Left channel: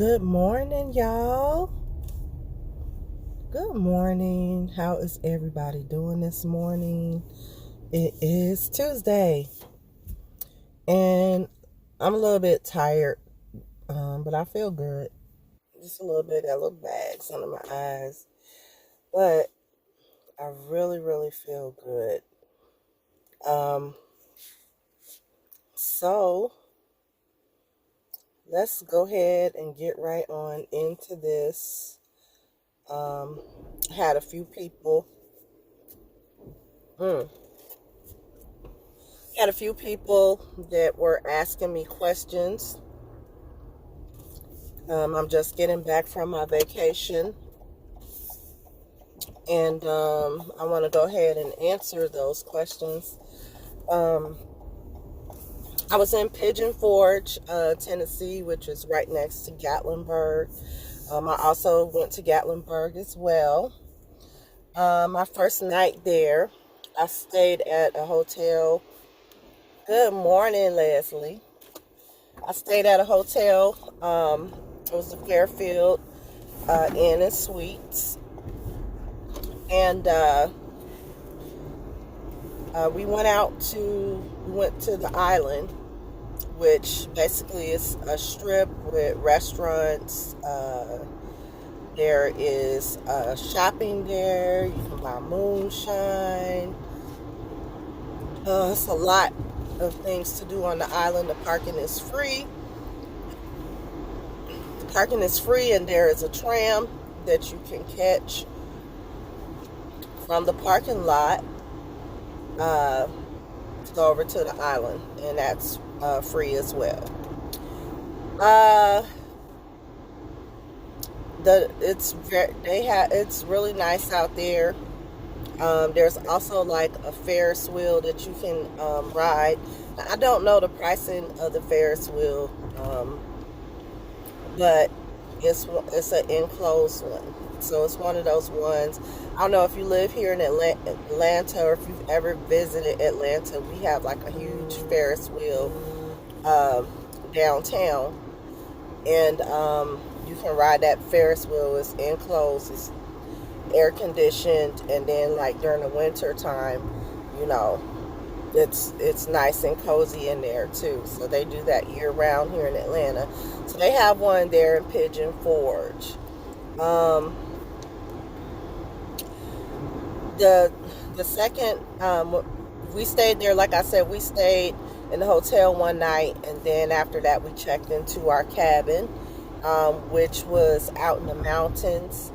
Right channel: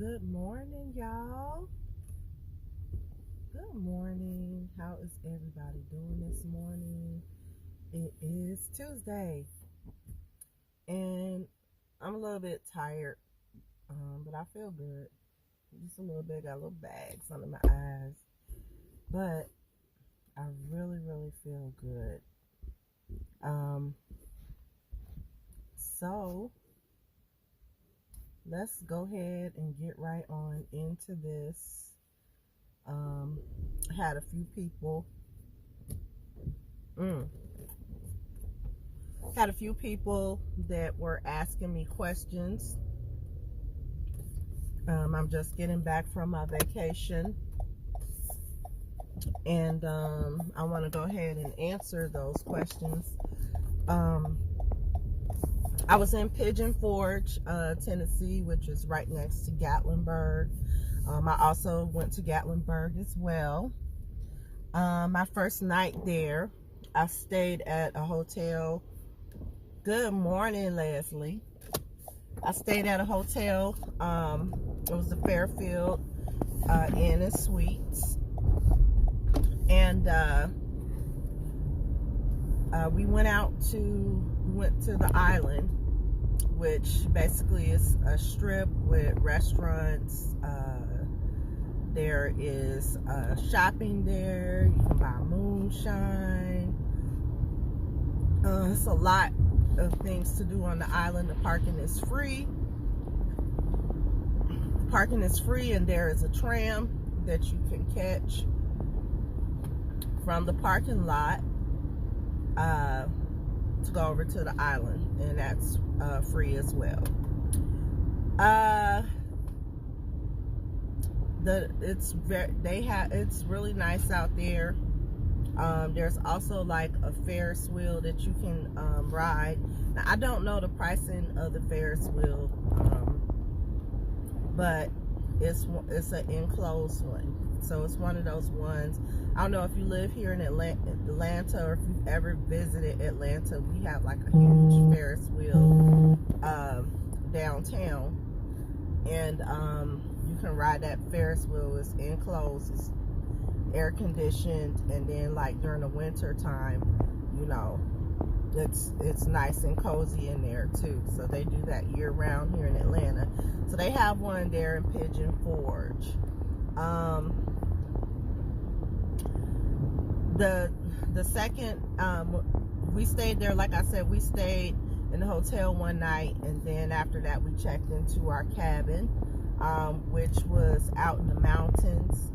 Good morning, y'all. Good morning. How is everybody doing this morning? It is Tuesday, and I'm a little bit tired, but I feel good. Just a little bit, got little bags under my eyes, but I really feel good. Um, so let's go ahead and get right on into this. Had a few people. Had a few people that were asking me questions. I'm just getting back from my vacation, and I want to go ahead and answer those questions. I was in Pigeon Forge, Tennessee, which is right next to Gatlinburg. I also went to Gatlinburg as well. My first night there, I stayed at a hotel. Good morning, Leslie. I stayed at a hotel. It was the Fairfield Inn and Suites, and we went to the island, which basically is a strip with restaurants. There is shopping there. You can buy moonshine. It's a lot of things to do on the island. The parking is free. And there is a tram that you can catch from the parking lot to go over to the island, and that's free as well. It's really nice out there. There's also like a Ferris Wheel that you can ride. Now, I don't know the pricing of the Ferris wheel, but it's an enclosed one, so it's one of those ones. I don't know if you live here in Atlanta, or if you've ever visited Atlanta. We have like a huge Ferris wheel downtown, and you can ride that Ferris wheel. It's enclosed, it's air conditioned, and then like during the winter time, it's nice and cozy in there too. So they do that year round here in Atlanta. So they have one there in Pigeon Forge. The second, we stayed there. Like I said, we stayed in the hotel one night, and then after that we checked into our cabin, which was out in the mountains.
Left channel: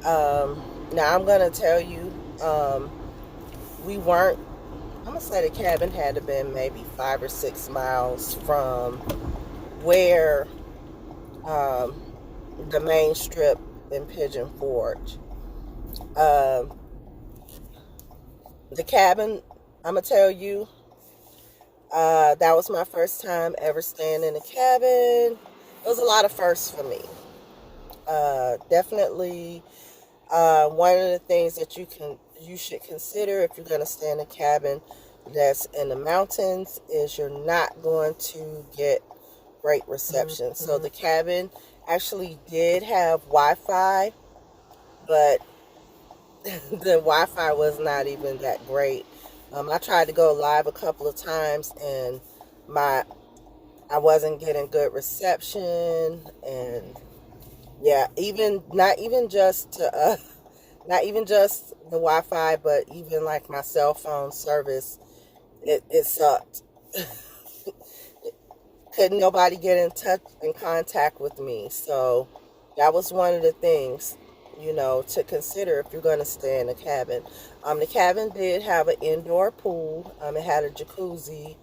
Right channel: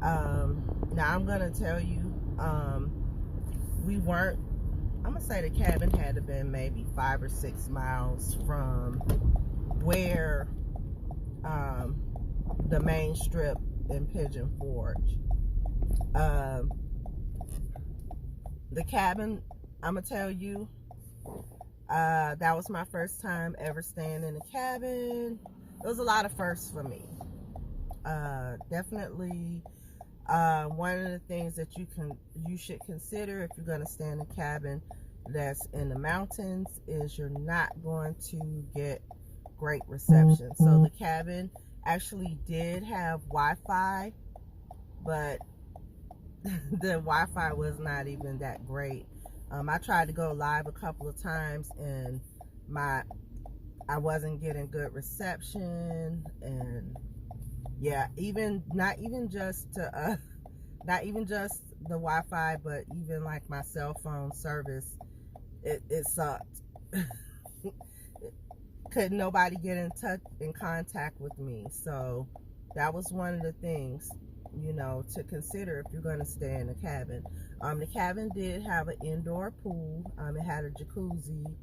Now I'm gonna tell you, we weren't, I'm gonna say the cabin had to been maybe 5 or 6 miles from where the main strip in Pigeon Forge. The cabin, I'm gonna tell you, that was my first time ever staying in a cabin. It was a lot of firsts for me. Definitely one of the things that you should consider if you're going to stay in a cabin that's in the mountains is you're not going to get great reception. So the cabin actually did have Wi-Fi, but the Wi-Fi was not even that great. I tried to go live a couple of times, and I wasn't getting good reception, and yeah, not even just the Wi-Fi, but even like my cell phone service, it sucked. Couldn't nobody get in contact with me. So that was one of the things, to consider if you're going to stay in a cabin. The cabin did have an indoor pool. It had a jacuzzi.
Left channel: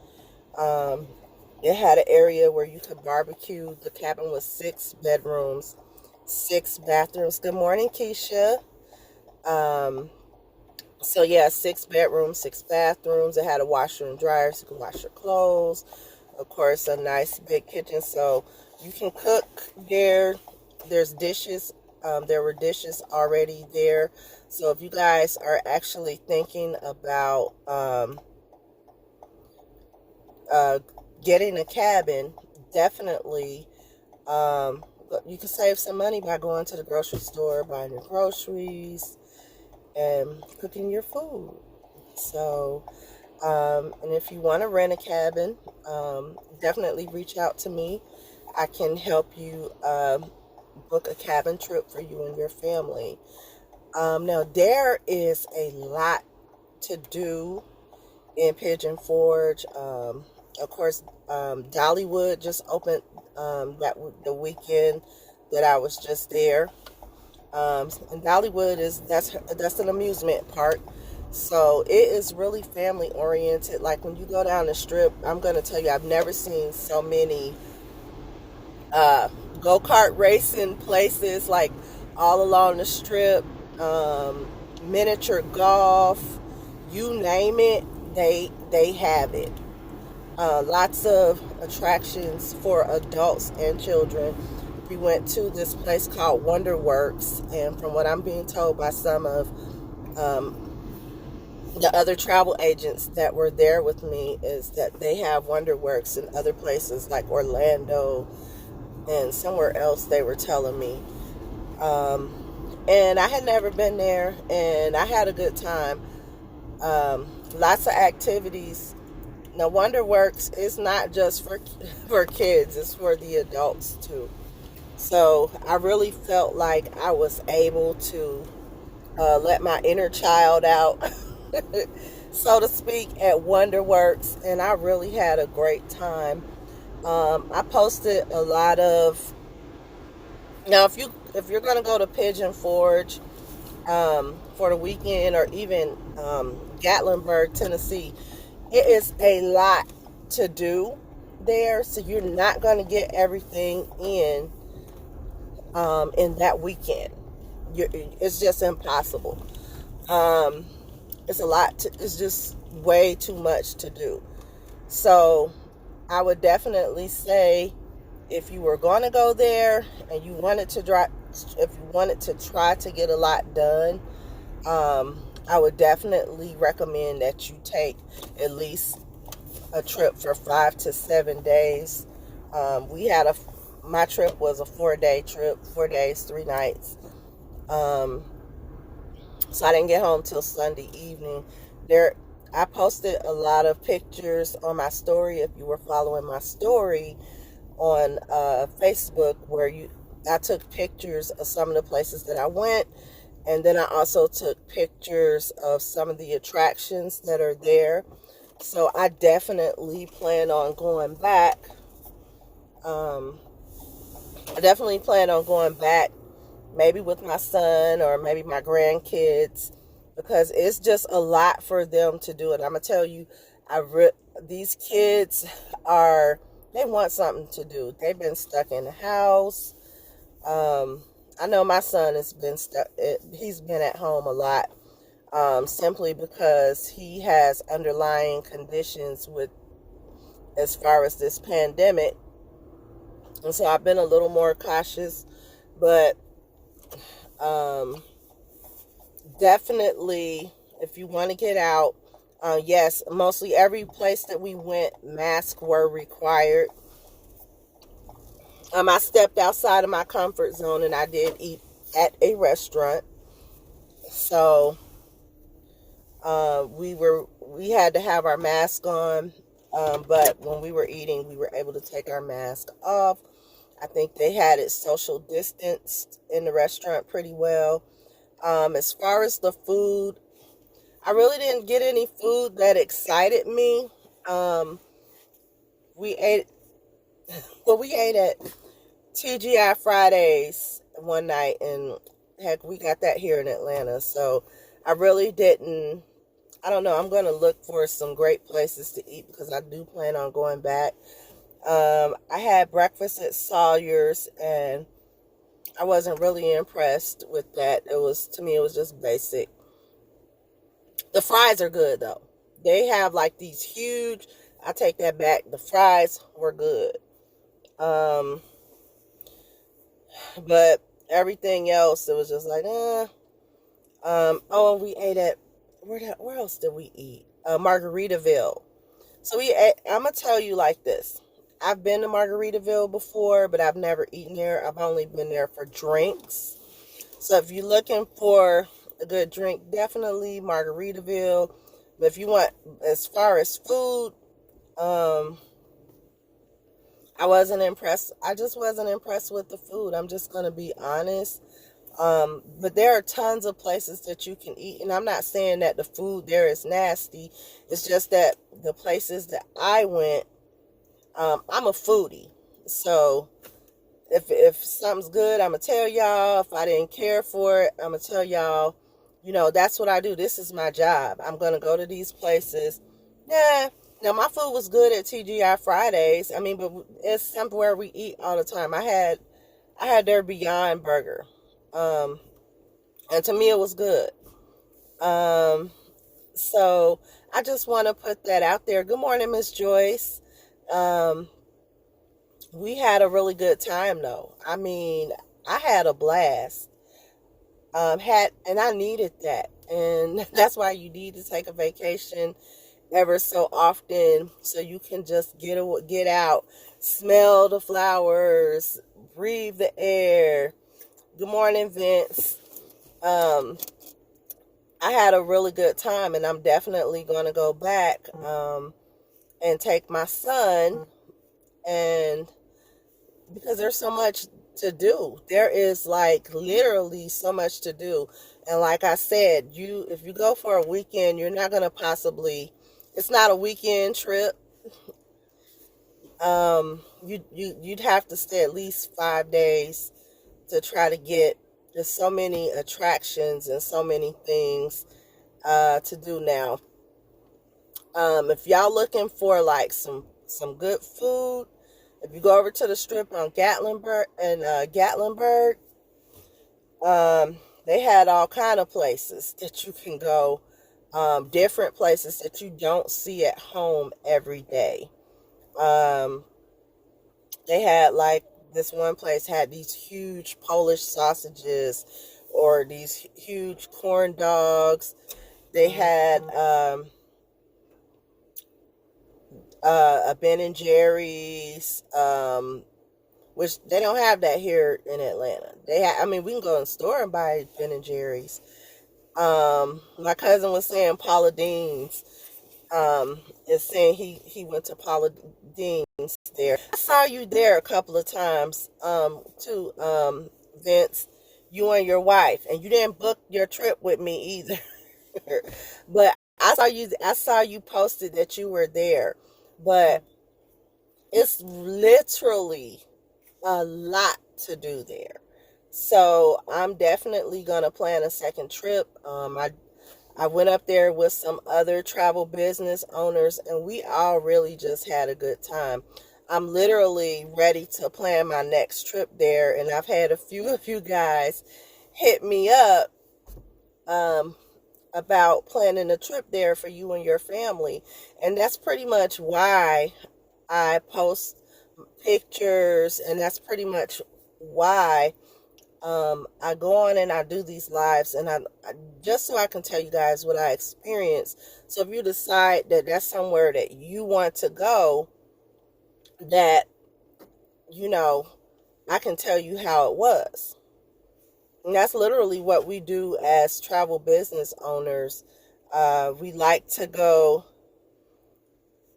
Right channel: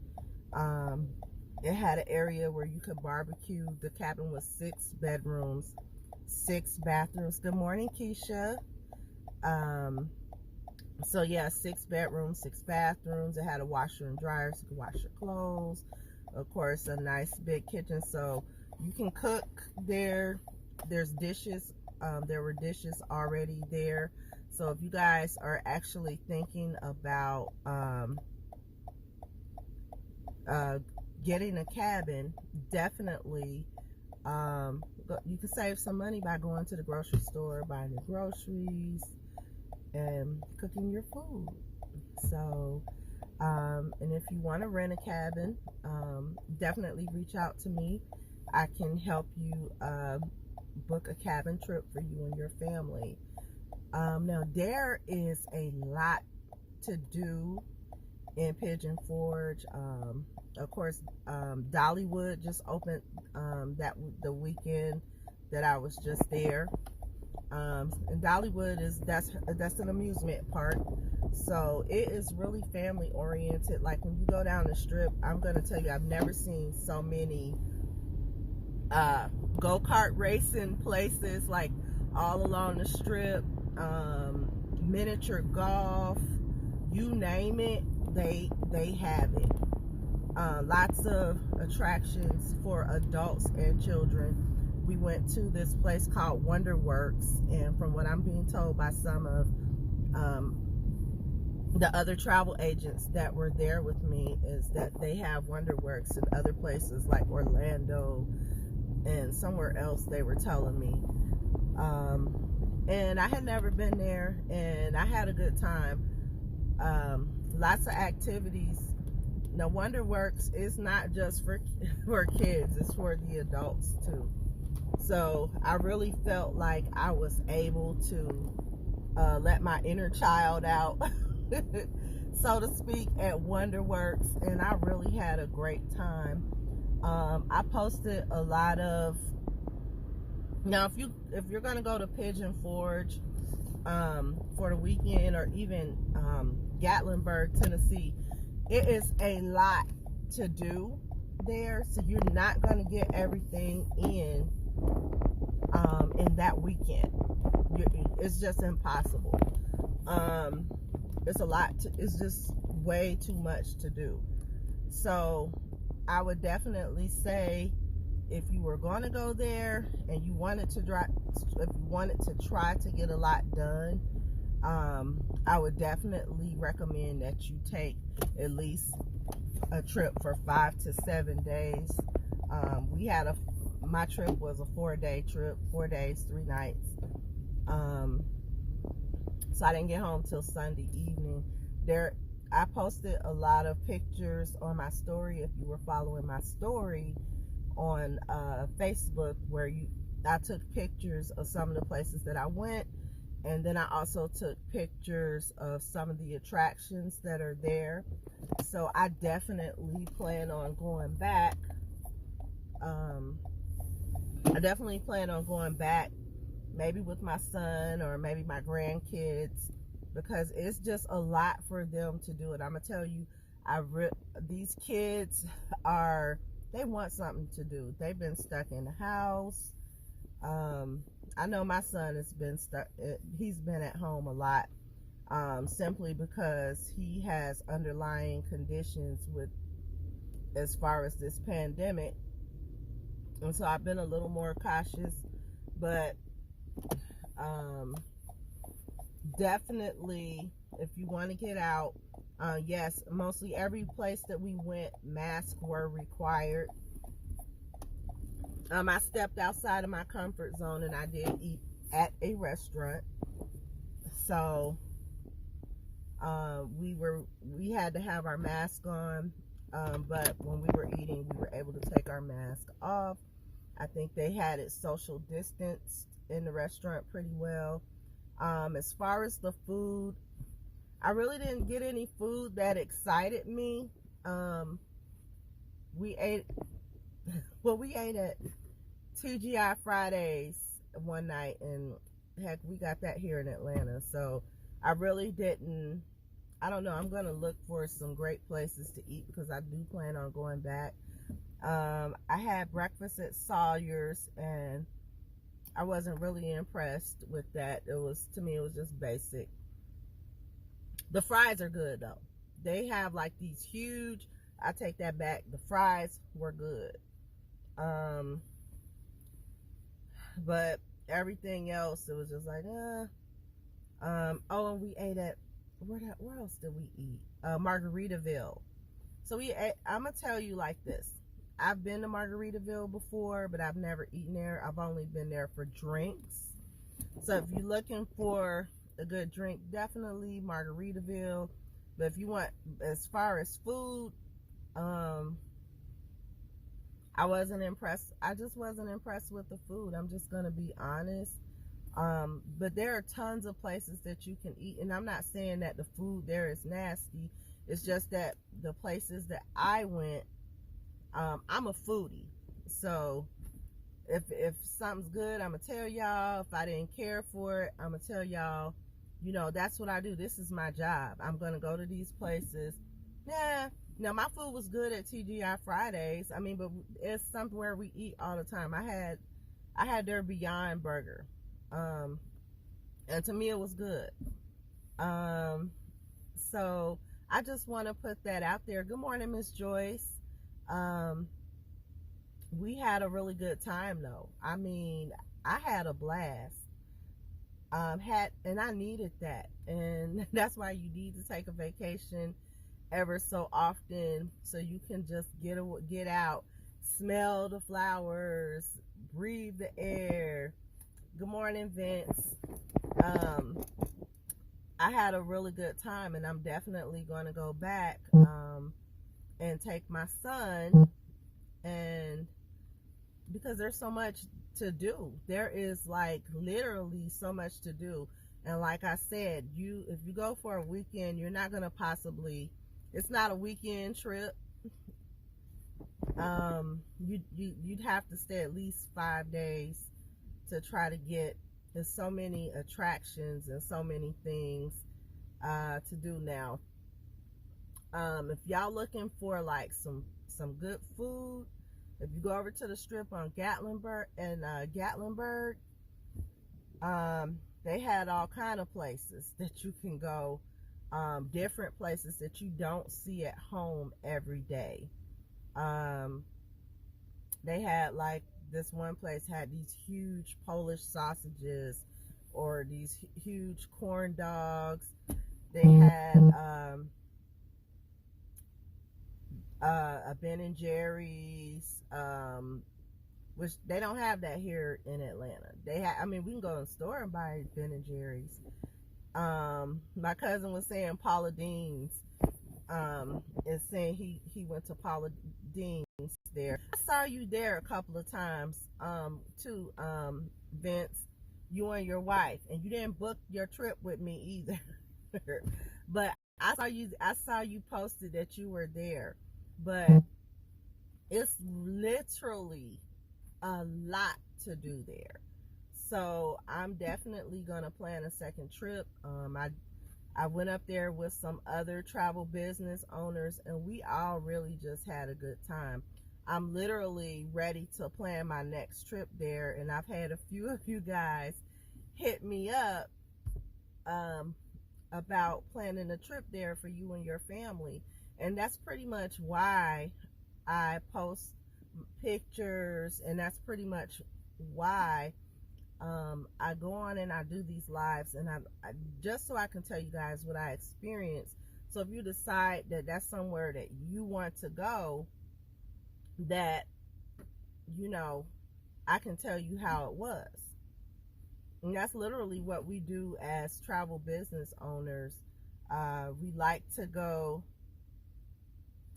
It had an area where you could barbecue. The cabin was 6 bedrooms, 6 bathrooms. Good morning, Keisha. So yeah, 6 bedrooms, 6 bathrooms. It had a washer and dryer so you could wash your clothes. Of course, a nice big kitchen so you can cook there. There's dishes. There were dishes already there. So if you guys are actually thinking about getting a cabin, definitely go you can save some money by going to the grocery store, buying your groceries, and cooking your food. So, and if you want to rent a cabin, definitely reach out to me. I can help you book a cabin trip for you and your family. Now, there is a lot to do in Pigeon Forge. Of course, Dollywood just opened the weekend that I was just there. And Dollywood that's an amusement park, so it is really family oriented. Like when you go down the strip, I'm gonna tell you, I've never seen so many go-kart racing places, like all along the strip, miniature golf, you name it, they have it. Lots of attractions for adults and children. We went to this place called Wonderworks, and from what I'm being told by some of the other travel agents that were there with me, is that they have Wonderworks in other places like Orlando and somewhere else, they were telling me. And I had never been there, and I had a good time. Lots of activities. Now, Wonderworks is not just for kids, it's for the adults too. So I really felt like I was able to let my inner child out, so to speak, at Wonderworks, and I really had a great time. I posted a lot of. Now, if you're gonna go to Pigeon Forge for the weekend, or even Gatlinburg, Tennessee, it is a lot to do there, so you're not gonna get everything in that weekend. It's just impossible. It's a lot. It's just way too much to do. So I would definitely say, if you were going to go there and you wanted to try to get a lot done, I would definitely recommend that you take at least a trip for 5 to 7 days. My trip was a 4-day trip, 4 days, 3 nights. So I didn't get home till Sunday evening. I posted a lot of pictures on my story. If you were following my story on Facebook, where I took pictures of some of the places that I went, and then I also took pictures of some of the attractions that are there. So I definitely plan on going back. Maybe with my son or maybe my grandkids, because it's just a lot for them to do. And I'm gonna tell you, these kids they want something to do. They've been stuck in the house. I know my son has been stuck. He's been at home a lot, simply because he has underlying conditions as far as this pandemic. And so I've been a little more cautious, but definitely, if you want to get out, yes, mostly every place that we went, masks were required. I stepped outside of my comfort zone, and I did eat at a restaurant. So we had to have our mask on, but when we were eating, we were able to take our mask off. I think they had it social distanced in the restaurant pretty well. As far as the food, I really didn't get any food that excited me. We ate at TGI Fridays one night, and heck, we got that here in Atlanta. So I really didn't. I don't know. I'm going to look for some great places to eat, because I do plan on going back. I had breakfast at Sawyer's, and I wasn't really impressed with that. To me, it was just basic. The fries are good, though. They have like these huge, I take that back. The fries were good. But everything else, it was just like, oh, we ate at, where else did we eat? Margaritaville. So I'm going to tell you like this. I've been to Margaritaville before, but I've never eaten there. I've only been there for drinks. So if you're looking for a good drink, definitely Margaritaville. But if you want, as far as food, I wasn't impressed. I just wasn't impressed with the food. I'm just going to be honest. But there are tons of places that you can eat. And I'm not saying that the food there is nasty. It's just that the places that I went, I'm a foodie. So if something's good, I'm going to tell y'all. If I didn't care for it, I'm going to tell y'all. You know, that's what I do. This is my job. I'm going to go to these places. Now my food was good at TGI Fridays. I mean, but it's somewhere we eat all the time. I had their Beyond Burger. And to me it was good. So I just want to put that out there. Good morning, Miss Joyce. We had a really good time though. I mean, I had a blast. And I needed that. And that's why you need to take a vacation ever so often, so you can just get out, smell the flowers, breathe the air. Good morning, Vince. I had a really good time, and I'm definitely going to go back and take my son, and because there's so much to do. There is like literally so much to do. And like I said, if you go for a weekend, you're not going to possibly, it's not a weekend trip. You'd have to stay at least 5 days to try to get. There's so many attractions and so many things to do now. If y'all looking for like some good food, if you go over to the strip on Gatlinburg, they had all kind of places that you can go, different places that you don't see at home every day. They had like this one place had these huge Polish sausages or these huge corn dogs. They had a Ben and Jerry's, which they don't have that here in Atlanta. I mean, we can go in the store and buy Ben and Jerry's. My cousin was saying Paula Dean's, is saying he went to Paula Dean's there. I saw you there a couple of times, too, Vince, you and your wife, and you didn't book your trip with me either. But I saw you posted that you were there. But it's literally a lot to do there. So I'm definitely going to plan a second trip. I went up there with some other travel business owners, and we all really just had a good time. I'm literally ready to plan my next trip there, and I've had a few of you guys hit me up about planning a trip there for you and your family. And that's pretty much why I post pictures, and that's pretty much why I go on and I do these lives, and I just so I can tell you guys what I experienced. So if you decide that that's somewhere that you want to go, that, you know, I can tell you how it was. And that's literally what we do as travel business owners. We like to go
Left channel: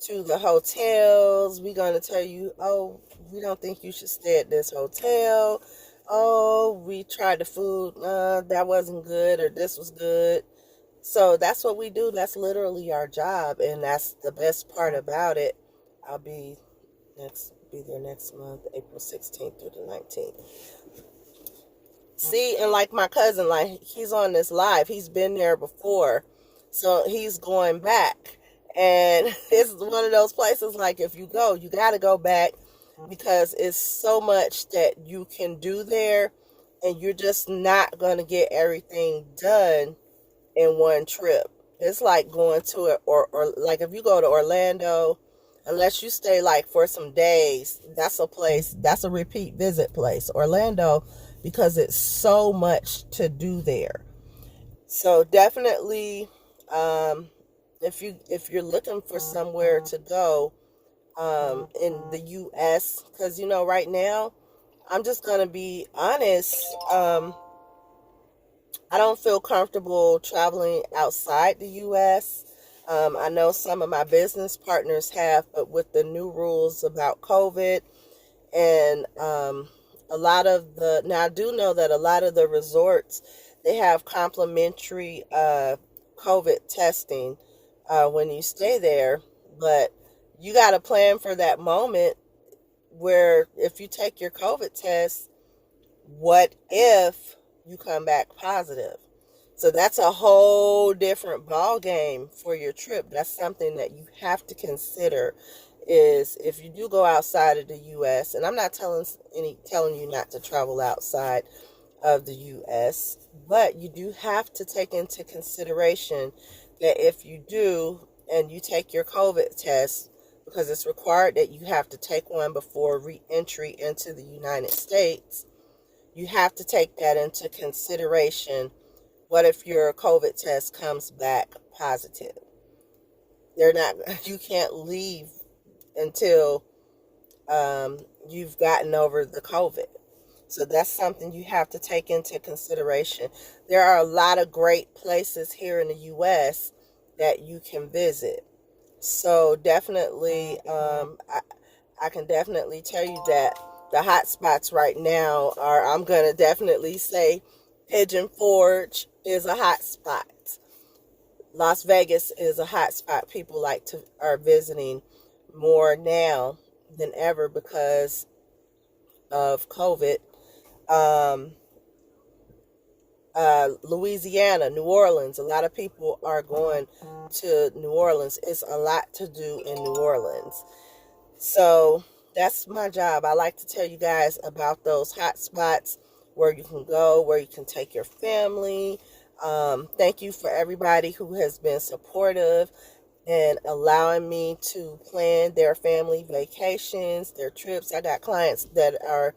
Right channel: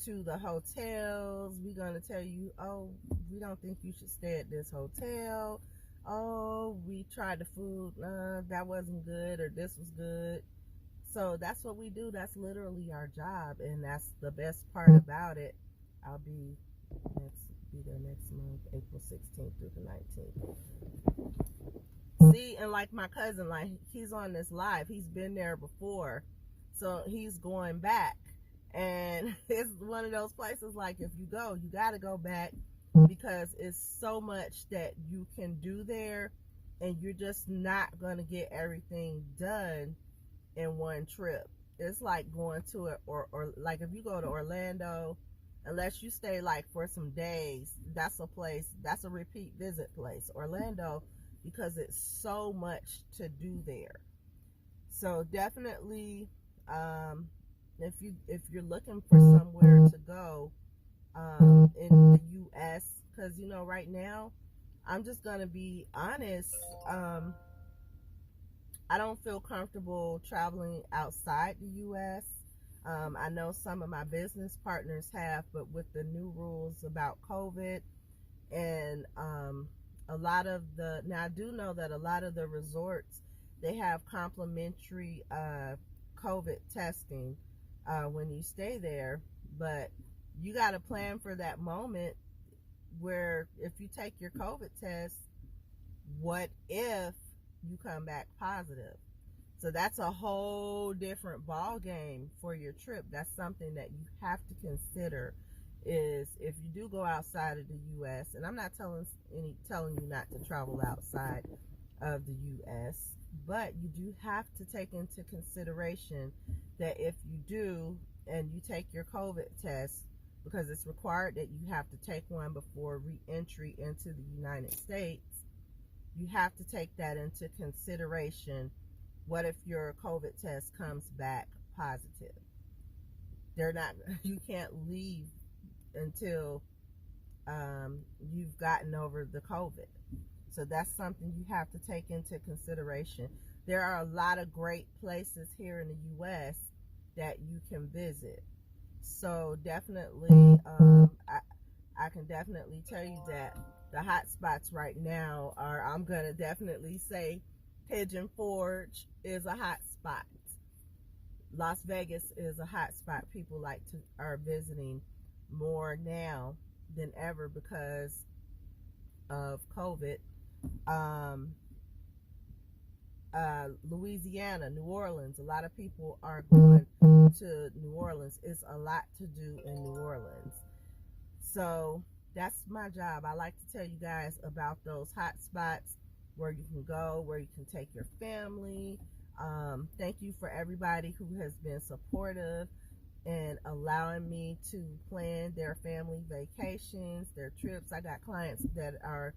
to the hotels. We're going to tell you, oh, we don't think you should stay at this hotel. Oh, we tried the food. That wasn't good, or this was good. So that's what we do. That's literally our job. And that's the best part about it. I'll be there next month, April 16th through the 19th. See, and like my cousin, like he's on this live. He's been there before. So he's going back. And it's one of those places, like if you go, you got to go back, because it's so much that you can do there, and you're just not going to get everything done in one trip. It's like going to it, or like if you go to Orlando, unless you stay like for some days, that's a repeat visit place, Orlando, because it's so much to do there. So definitely, if you're looking for somewhere to go, in the U.S. Because, you know, right now, I'm just going to be honest. I don't feel comfortable traveling outside the U.S. I know some of my business partners have, but with the new rules about COVID and a lot of the, now I do know that a lot of the resorts, they have complimentary COVID testing when you stay there, but you got to plan for that moment where if you take your COVID test, what if you come back positive? So that's a whole different ball game for your trip. That's something that you have to consider, is if you do go outside of the US, and I'm not telling you not to travel outside of the US, but you do have to take into consideration that if you do and you take your COVID test, because it's required that you have to take one before re-entry into the United States, you have to take that into consideration. What if your COVID test comes back positive? You can't leave until you've gotten over the COVID. So that's something you have to take into consideration. There are a lot of great places here in the U.S. that you can visit. So definitely, I can definitely tell you that the hot spots right now are, I'm going to definitely say Pigeon Forge is a hot spot. Las Vegas is a hot spot. People are visiting more now than ever because of COVID. Louisiana, New Orleans, a lot of people are going to New Orleans. It's a lot to do in New Orleans. So that's my job. I like to tell you guys about those hot spots where you can go, where you can take your family. Thank you for everybody who has been supportive and allowing me to plan their family vacations, their trips. I got clients that are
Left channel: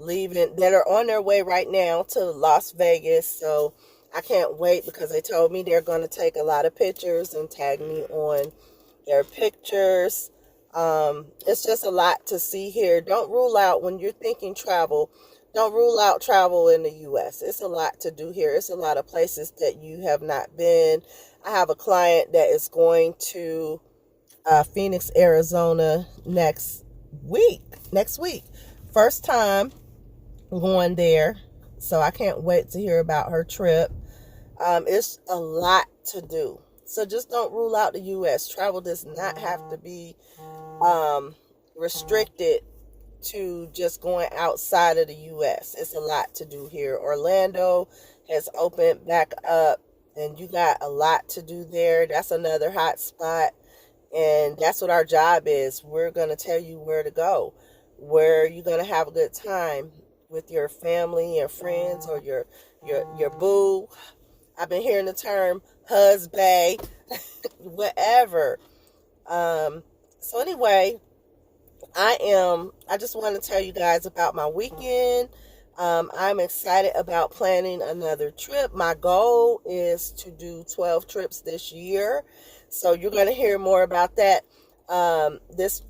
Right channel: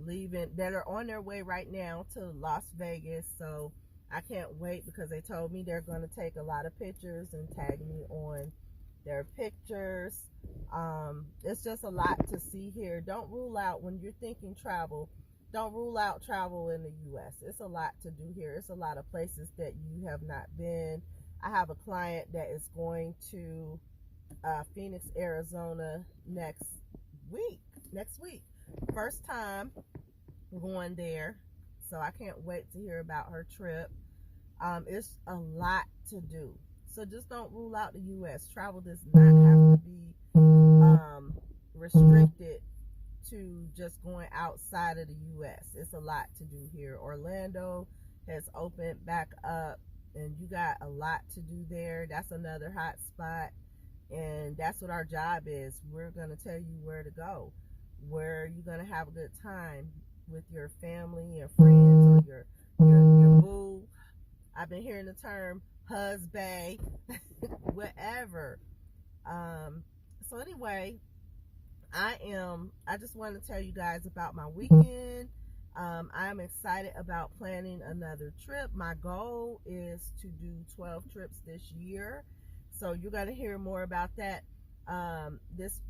on their way right now to Las Vegas. So I can't wait, because they told me they're going to take a lot of pictures and tag me on their pictures. It's just a lot to see here. Don't rule out, when you're thinking travel, don't rule out travel in the U.S. It's a lot to do here. It's a lot of places that you have not been. I have a client that is going to Phoenix, Arizona next week. First time going there. So I can't wait to hear about her trip. It's a lot to do. So just don't rule out the U.S. Travel does not have to be restricted to just going outside of the U.S. It's a lot to do here. Orlando has opened back up, and you got a lot to do there. That's another hot spot, and that's what our job is. We're going to tell you where to go, where you're going to have a good time with your family and friends, or your boo. I've been hearing the term husband, whatever. So anyway, I just want to tell you guys about my weekend. I'm excited about planning another trip. My goal is to do 12 trips this year. So you're going to hear more about that. This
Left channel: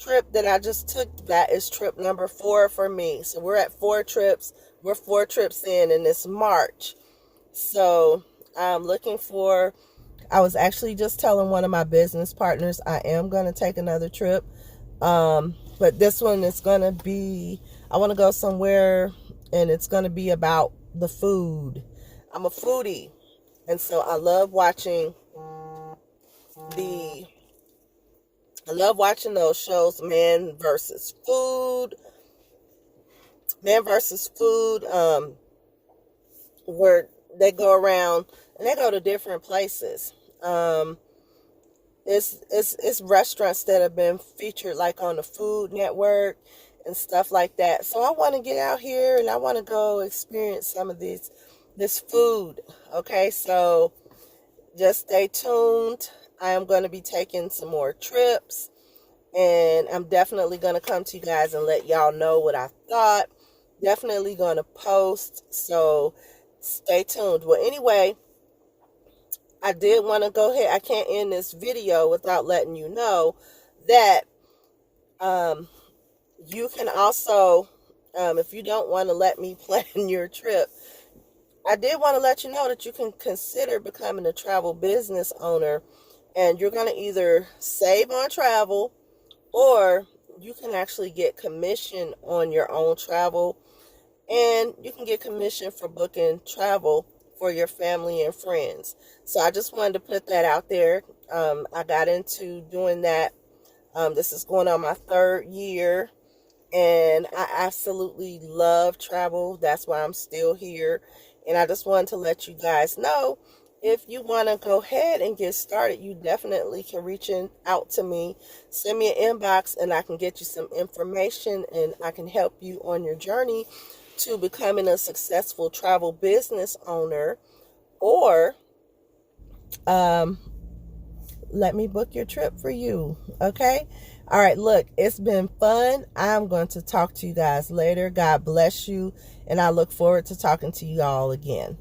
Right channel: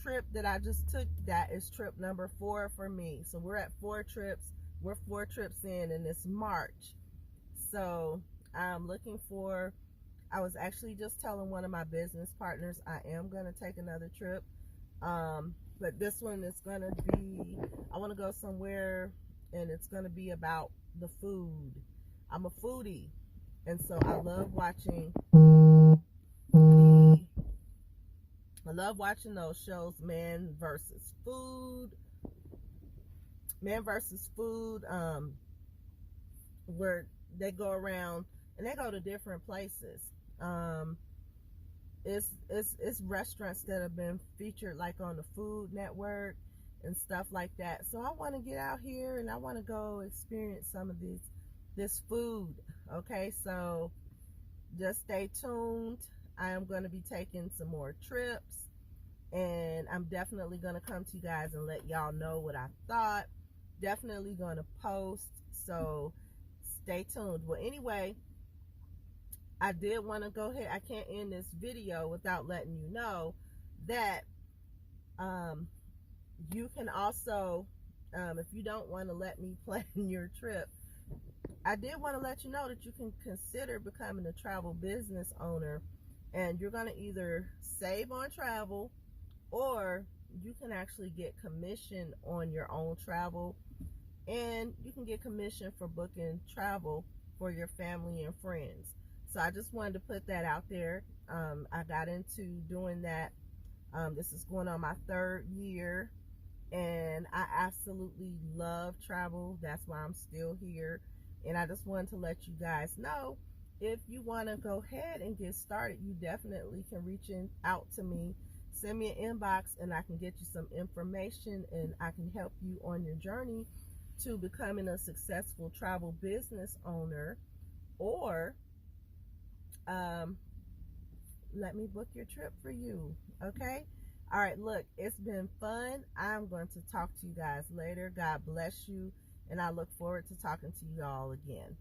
trip that I just took, that is trip number 4 for me. So we're at 4 trips. We're 4 trips in, and it's March. So I'm looking for, I was actually just telling one of my business partners I am going to take another trip. But this one is going to be, I want to go somewhere, and it's going to be about the food. I'm a foodie, and so I love watching those shows, Man versus Food, where they go around and they go to different places. It's restaurants that have been featured like on the Food Network and stuff like that. So I want to get out here and I want to go experience some of this food. Okay, so just stay tuned. I am going to be taking some more trips, and I'm definitely going to come to you guys and let y'all know what I thought. Definitely going to post, so stay tuned. Well, anyway, I did want to go ahead. I can't end this video without letting you know that You can also, if you don't want to let me plan your trip, I did want to let you know that you can consider becoming a travel business owner, and you're going to either save on travel, or you can actually get commission on your own travel, and you can get commission for booking travel for your family and friends. So I just wanted to put that out there. I got into doing that. This is going on my 3rd year, and I absolutely love travel. That's why I'm still here. And I just wanted to let you guys know, if you want to go ahead and get started, you definitely can reach out to me. Send me an inbox and I can get you some information, and I can help you on your journey to becoming a successful travel business owner. Or let me book your trip for you. Okay? All right, look, it's been fun. I'm going to talk to you guys later. God bless you, and I look forward to talking to you all again.